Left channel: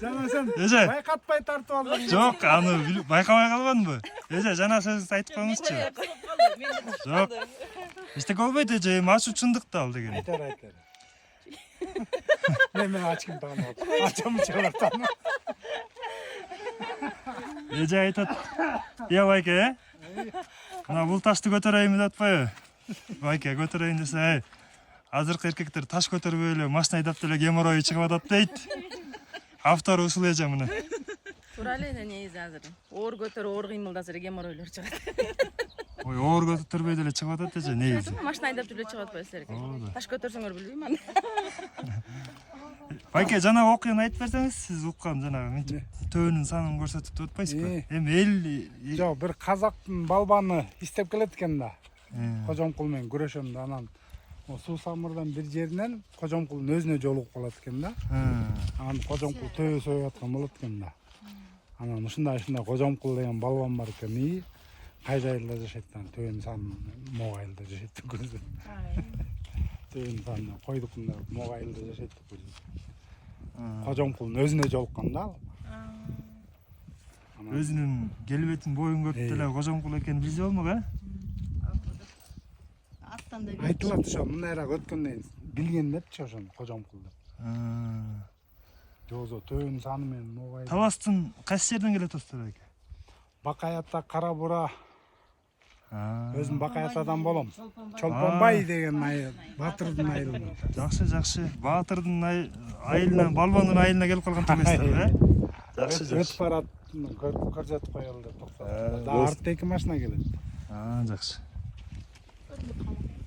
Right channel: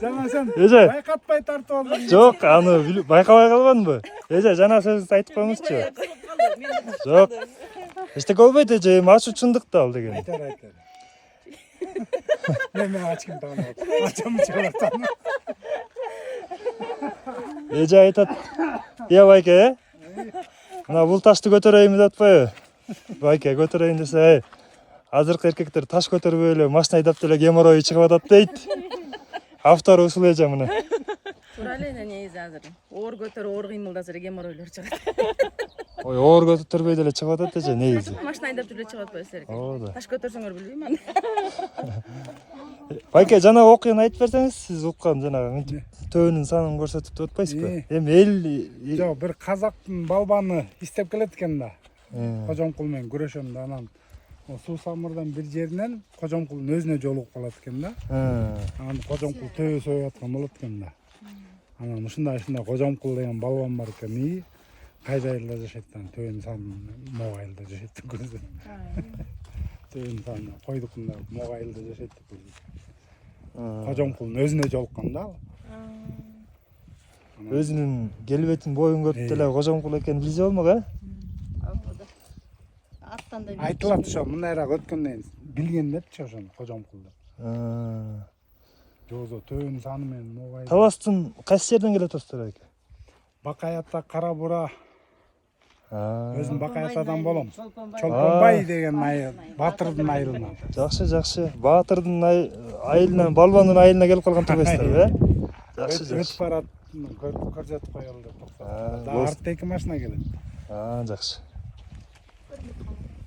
Жана сен Эже. байкатпай тартып алдың. Жок, аны байкабай калбадымбы? Эже, жана сөзүңүздү айтып коюңузчу. Жок. Эчтеке болбойт эже, эми ачуу чындыкты ал деген. Айтар. Мен ачкым тагып. Ачам чыгараттым. Эже айтат. Я байке, мына бул ташты көтөрөйүн деп атпайбы? Байке, көтөрөйүн десе, азыркы эркектер таш көтөрбөй эле машина айдап деле геморрой чыгып атат дейт. Автору ушул эже мына. Туура эле негизи азыр. Оор көтөрүп, оор кыймылдаса эле геморройлор чыгат. Ой, оор көтөрбөй деле чыгып атат эже негизи. Машина айдап жүрүп чыгып атпайбы силерге? Ооба. Таш көтөрсөңөр билбейм аны. Байке, жана окуяны айтып берсеңиз, сиз уккан жанагы төөнүн санын көрсөтүп атпайсызбы? Эми эл Жок, бир казактын балбаны истеп келет экен да. Кожомкул менен күрөшөм да, анан суу самырдан бир жеринен Кожомкулдун өзүнө жолугуп калат экен да. Анан Кожомкул төбө сөөп аткан болот экен да. Анан ушундай Кожомкул деген балбан бар экен. И кайда айылда жашайт да, төбөнүн санын мого айылда жашайт деп көрсөт. Төбөнүн санын койдукунда мого айылда жашайт деп көрсөт. Кожомкулдун өзүнө жолуккан да ал. өзүнүн келбетин, боюн көрүп деле Кожомкул экенин билсе болмок, э? Айтылат ошо мындайраак өткөндөн билген депчи ошону Кожомкул деп. Жозо төбөнүн саны менен мого айыл. Таластын кайсы жерден келип атасыздар байке? Бакай ата Кара Бура. Өзүм Бакай атадан болом. Чолпонбай деген айыл, Батырдын айылынан. Жакшы. Баатырдын айылынан, балбандын айылына келип калган түгөсүздөр, э? Өтүп барат, көрсөтүп коелу деп токтоп. Да артта эки машина келет. Жакшы.